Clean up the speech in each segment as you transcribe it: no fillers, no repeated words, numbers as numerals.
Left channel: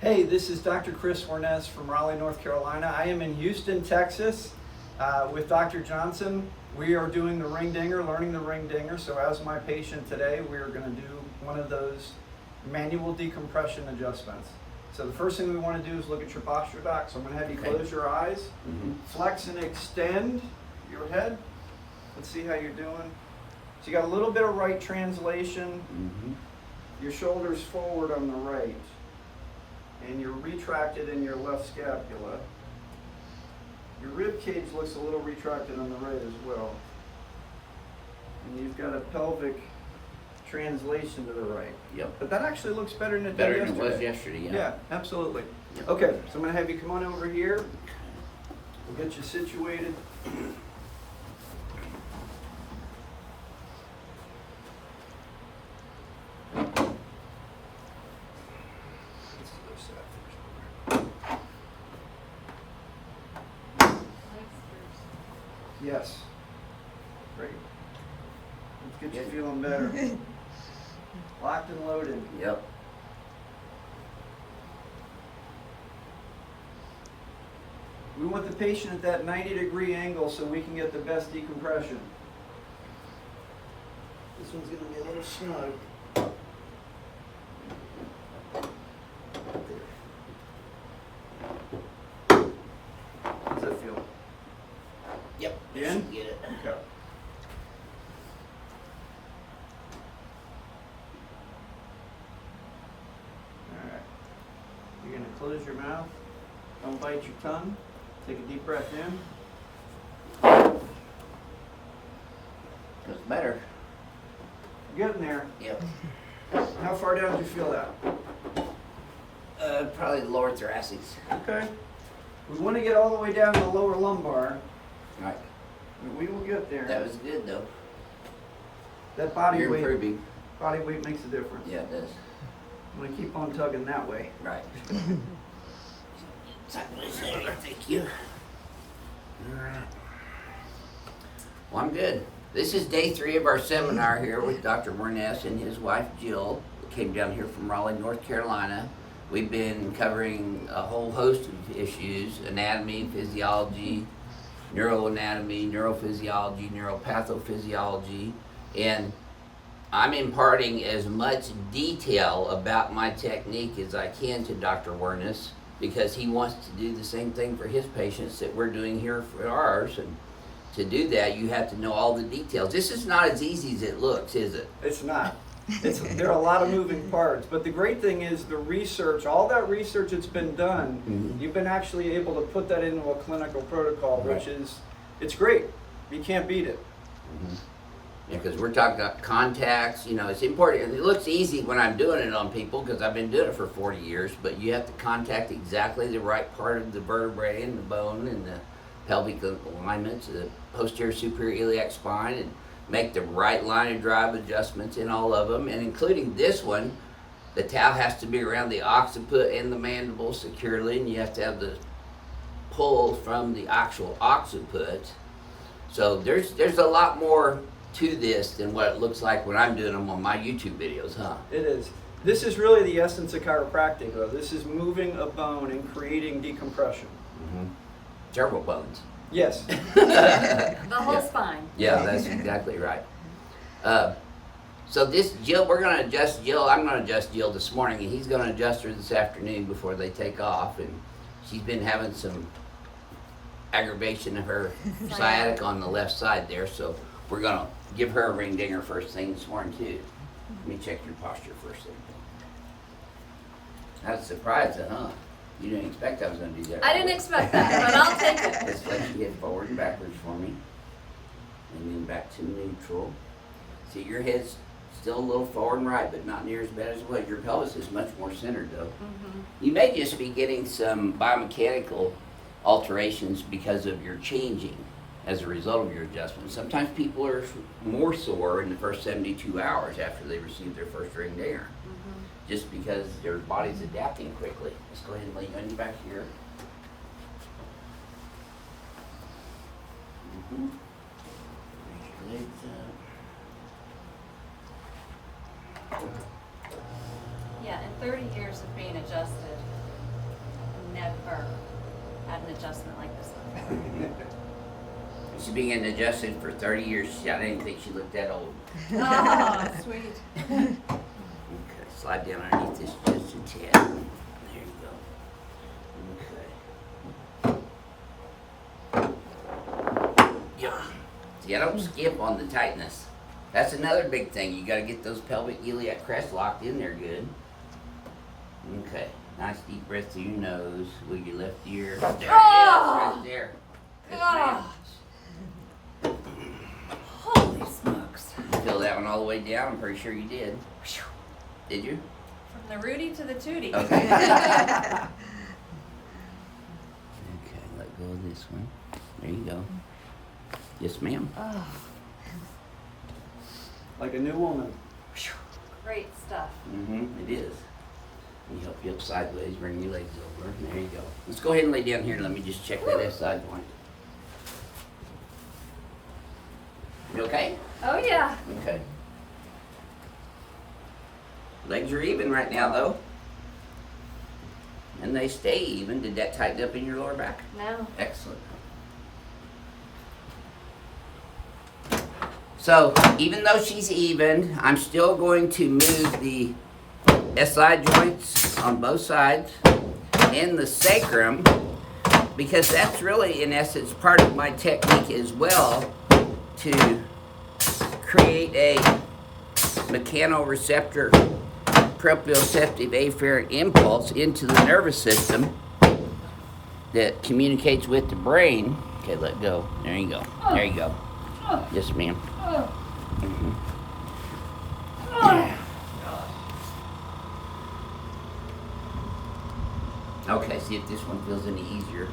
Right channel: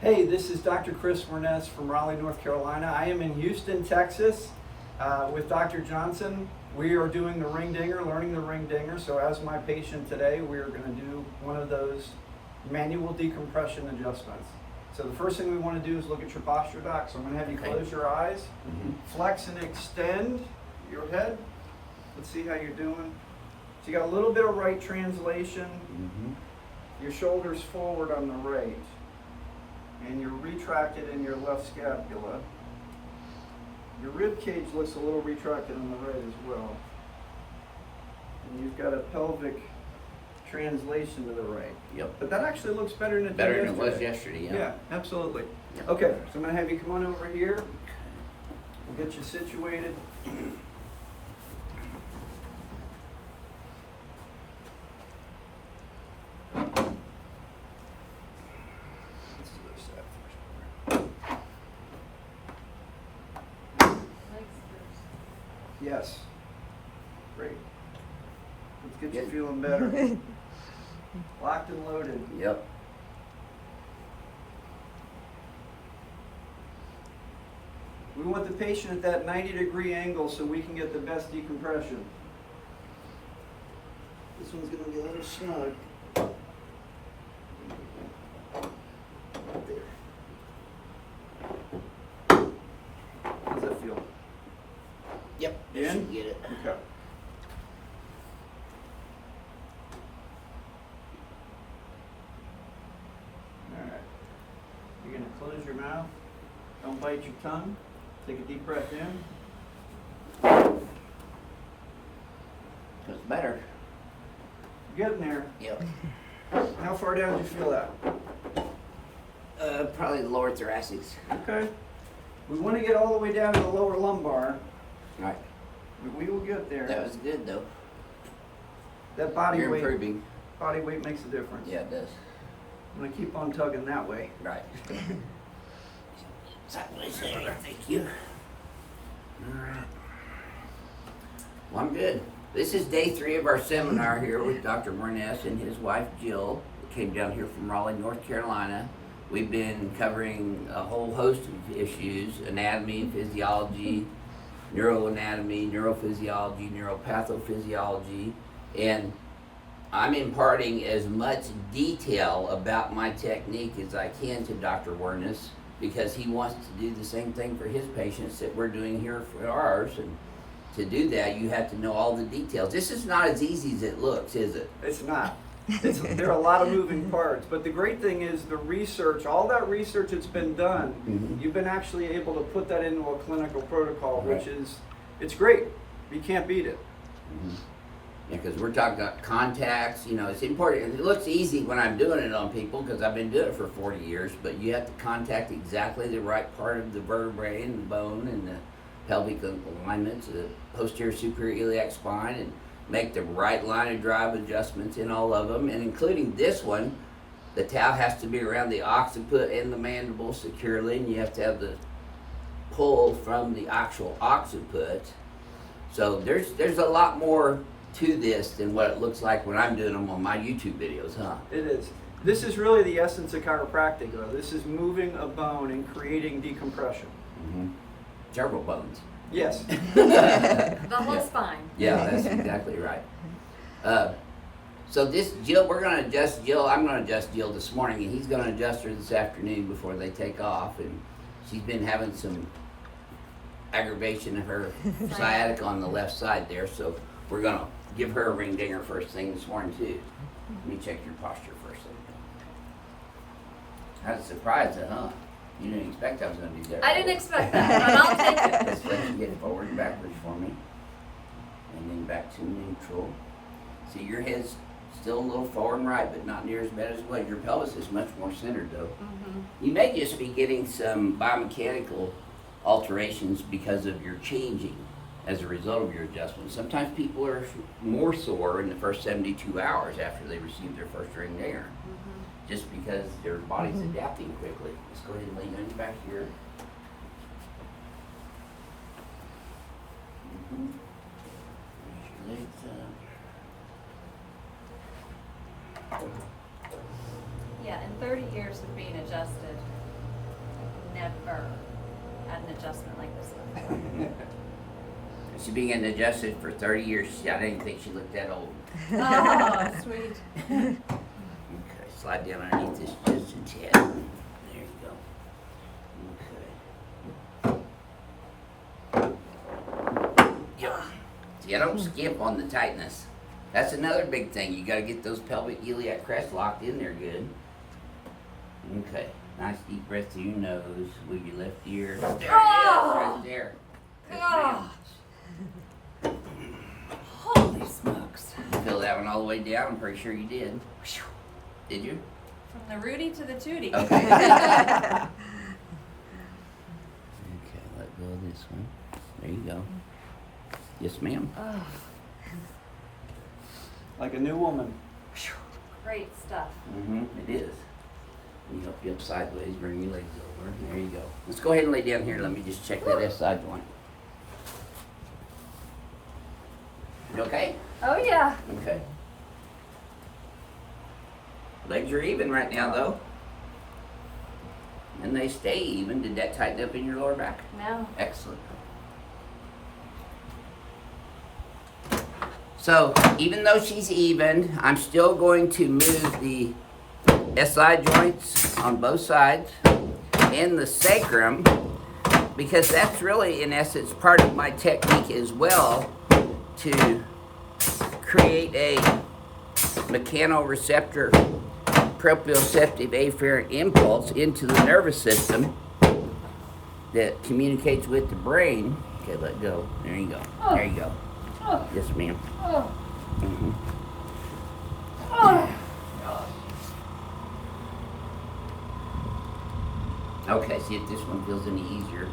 Hey, this is Dr. Chris Warnes from Raleigh, North Carolina. I am in Houston, Texas with Dr. Johnson. We are doing the ring dinger, learning the ring dinger. So as my patient today, we are going to do one of those manual decompression adjustments. So the first thing we want to do is look at your posture, Doc. So I'm going to have you close your eyes, flex and extend your head. Let's see how you're doing. So you got a little bit of right translation. Your shoulders forward on the right. And you're retracted in your left scapula. Your rib cage looks a little retracted on the right as well. And you've got a pelvic translation to the right. Yep. But that actually looks better than it did yesterday. Better than it was yesterday, yeah. Yeah, absolutely. Yep. Okay, so I'm going to have you come on over here. We'll get you situated. Yes. Great. Let's get you feeling better. Locked and loaded. Yep. We want the patient at that 90-degree angle so we can get the best decompression. This one's going to be a little snug. There. How's that feel? Yep. In? Get it. Okay. Alright. You're going to close your mouth. Don't bite your tongue. Take a deep breath in. Feels better. You're getting there. Yep. How far down do you feel that? Probably the lower thoracics. Okay. We want to get all the way down to the lower lumbar. Right. But we will get there. That was good though. That body You're weight. improving. Body weight makes a difference. Yeah, it does. I'm going to keep on tugging that way. Right. Thank you. All right. Well, I'm good. This is day 3 of our seminar here with Dr. Warnes and his wife Jill. We came down here from Raleigh, North Carolina. We've been covering a whole host of issues: anatomy, physiology, neuroanatomy, neurophysiology, neuropathophysiology, and I'm imparting as much detail about my technique as I can to Dr. Warnes, because he wants to do the same thing for his patients that we're doing here for ours. And to do that, you have to know all the details. This is not as easy as it looks, is it? It's not. There are a lot of moving parts, but the great thing is the research, all that research that's been done, you've been actually able to put that into a clinical protocol, which is, it's great. You can't beat it. Because we're talking about contacts, you know, it's important. It looks easy when I'm doing it on people because I've been doing it for 40 years, but you have to contact exactly the right part of the vertebrae and the bone and the pelvic alignments, the posterior superior iliac spine, and make the right line of drive adjustments in all of them, and including this one. The towel has to be around the occiput and the mandible securely, and you have to have the pull from the actual occiput. So there's a lot more to this than what it looks like when I'm doing them on my YouTube videos, huh? It is. This is really the essence of chiropractic, though. This is moving a bone and creating decompression. Several bones. Yes. The whole spine. Yeah, that's exactly right. So this Jill, we're going to adjust Jill. I'm going to adjust Jill this morning, and he's going to adjust her this afternoon before they take off. And she's been having some aggravation of her sciatica on the left side there, so we're going to give her a ring dinger first thing this morning too. Let me check your posture first thing. That's a surprise, huh? You didn't expect I was going to do that. I didn't expect that, but I'll take it. Just let you get forward and backwards for me. And then back to neutral. See, your head's still a little forward and right, but not near as bad as what. Your pelvis is much more centered though. You may just be getting some biomechanical alterations because of your changing as a result of your adjustment. Sometimes people are more sore in the first 72 hours after they receive their first ring dinger. Just because their body's adapting quickly. Let's go ahead and lay you on your back here. Raise your legs up. Yeah, in 30 years of being adjusted, never had an adjustment like this one. She's been getting adjusted for 30 years. I didn't think she looked that old. Oh, sweet. Okay, slide down underneath this just a tad. There you go. Okay. Yep. See, I don't skip on the tightness. That's another big thing. You gotta get those pelvic iliac crests locked in there good. Okay. Nice deep breath through your nose with your left ear. There it is, right there. Yes, ma'am. Holy smokes. You feel that one all the way down? I'm pretty sure you did. Did you? From the Rudy to the Tootie. Okay. Okay, let go of this one. There you go. Yes, ma'am. Oh, Like a new woman. great stuff. It is. Let me help you up sideways, bring your legs over. There you go. Let's go ahead and lay down here. Let me just check that side one. You okay? Oh, yeah. Okay. Legs are even right now, though. And they stay even. Did that tighten up in your lower back? No. Excellent. So, even though she's even, I'm still going to move the SI joints on both sides and the sacrum, because that's really, in essence, part of my technique as well, to create a mechanoreceptor proprioceptive afferent impulse into the nervous system that communicates with the brain. Okay, let go. There you go. There you go. Yes, ma'am. Mhm. Okay, see if this one feels any easier.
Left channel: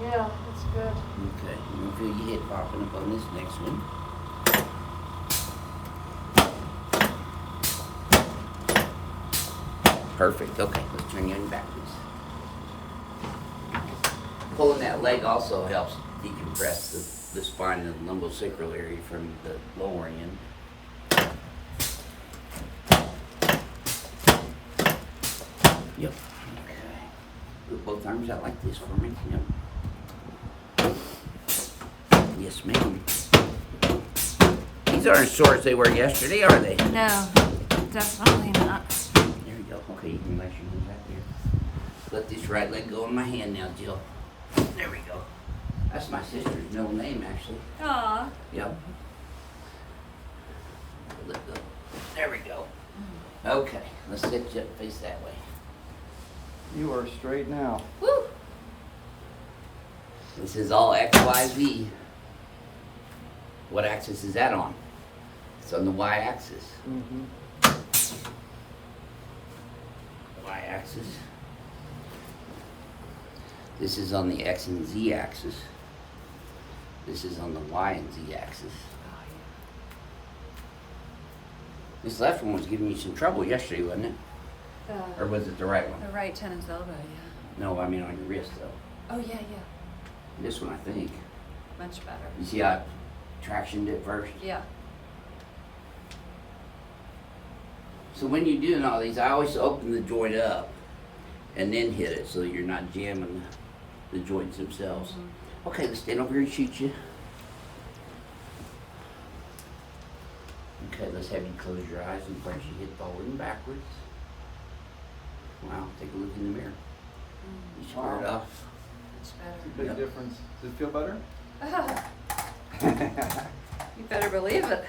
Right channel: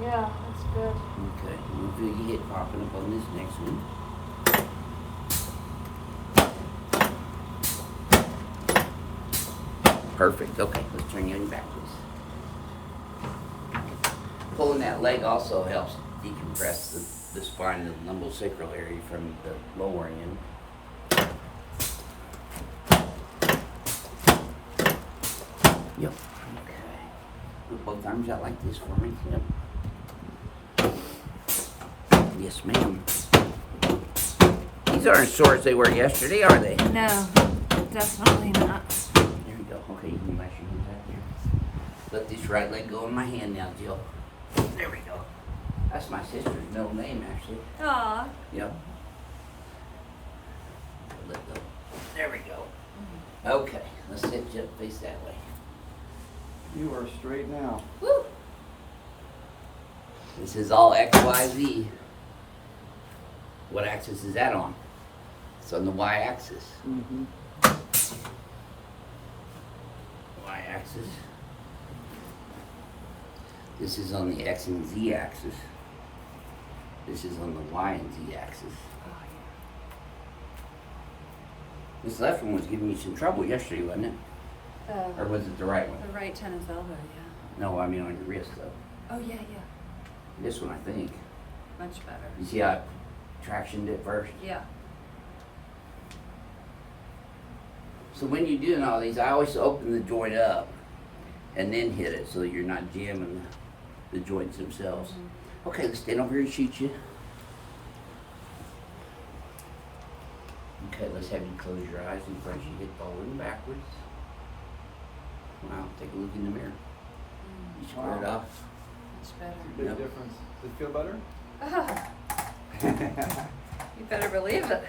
Yeah, that's good. Okay, you feel your head popping up on this next one. Perfect. Okay, let's turn you in backwards. Pulling that leg also helps decompress the spine and the lumbosacral area from the lower end. Yep. Okay. Put both arms out like this for me. Yep. Yes, ma'am. These aren't as sore as they were yesterday, are they? No, definitely not. There we go. Okay, you can relax your hands right there. Let this right leg go in my hand now, Jill. There we go. That's my sister's middle name, actually. Aw. Yep. Let go. There we go. Okay, let's sit you up, face that way. You are straight now. Woo. This is all X, Y, Z. What axis is that on? It's on the Y axis. Y axis. This is on the X and Z axis. This is on the Y and Z axis. Oh, yeah. This left one was giving me some trouble yesterday, wasn't it? Or was it the right one? The right tennis elbow, yeah. No, I mean on your wrist though. Oh, yeah, yeah. This one, I think. Much better. You see how I tractioned it first? Yeah. So when you're doing all these, I always open the joint up and then hit it so you're not jamming the joints themselves. Okay, let's stand over here and shoot you. Okay, let's have you close your eyes and punch your head forward and backwards. Wow, take a look in the mirror. You square it off. Much better. Big Yep. difference. Does it feel better? You better believe it.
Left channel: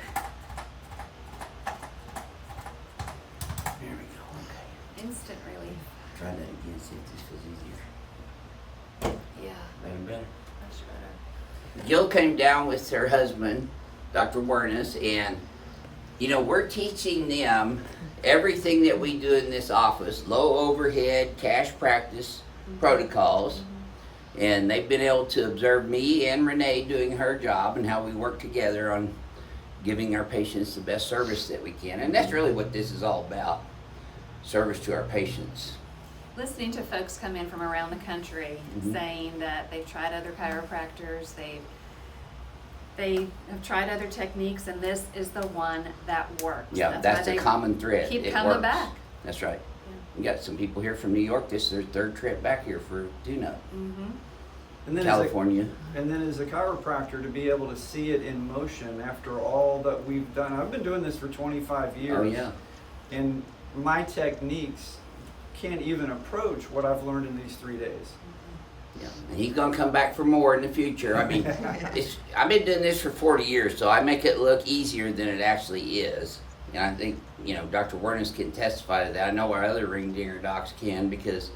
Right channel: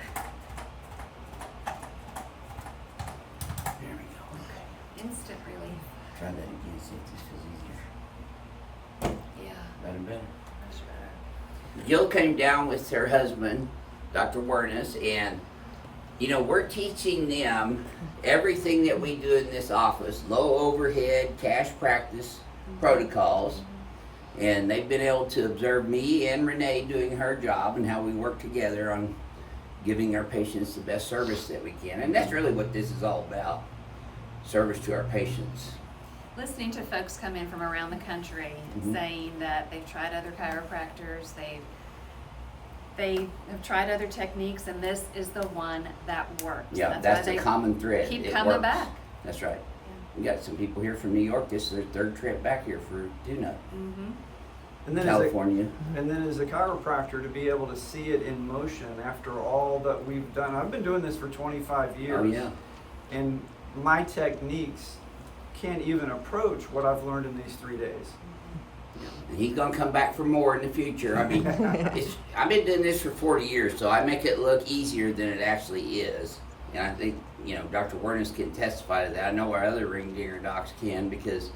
There we go, okay. Instant relief. Try that again, see if this feels easier. Yeah, Better and better. much better. Jill came down with her husband, Dr. Wernes, and you know, we're teaching them everything that we do in this office, low overhead, cash practice protocols. And they've been able to observe me and Renee doing her job and how we work together on giving our patients the best service that we can. And that's really what this is all about, service to our patients. Listening to folks come in from around the country saying that they've tried other chiropractors, they have tried other techniques, and this is the one that works. Yeah, that's why the common thread. Keep It coming works. back. That's right. Yeah. We got some people here from New York. This is their third trip back here for tune-up. Mm-hmm. And then California. as a chiropractor, to be able to see it in motion after all that we've done. I've been doing this for 25 years. Oh yeah. And my techniques can't even approach what I've learned in these 3 days. Yeah. And he's gonna come back for more in the future. I mean, I've been doing this for 40 years, so I make it look easier than it actually is. And I think, you know, Dr. Wernes can testify to that. I know our other ring dinger docs can, because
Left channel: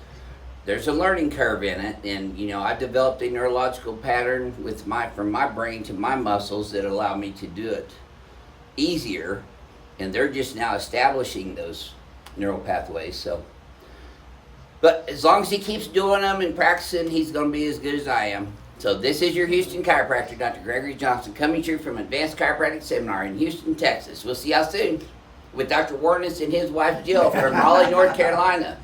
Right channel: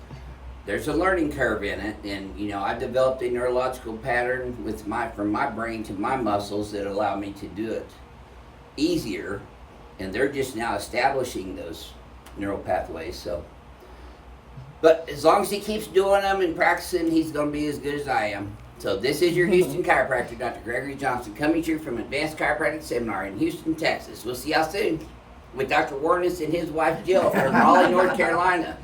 there's a learning curve in it. And, you know, I developed a neurological pattern from my brain to my muscles that allow me to do it easier. And they're just now establishing those neural pathways. So, but as long as he keeps doing them and practicing, he's going to be as good as I am. So this is your Houston chiropractor, Dr. Gregory Johnson, coming to you from Advanced Chiropractic Seminar in Houston, Texas. We'll see y'all soon with Dr. Wernes and his wife Jill from Raleigh, North Carolina.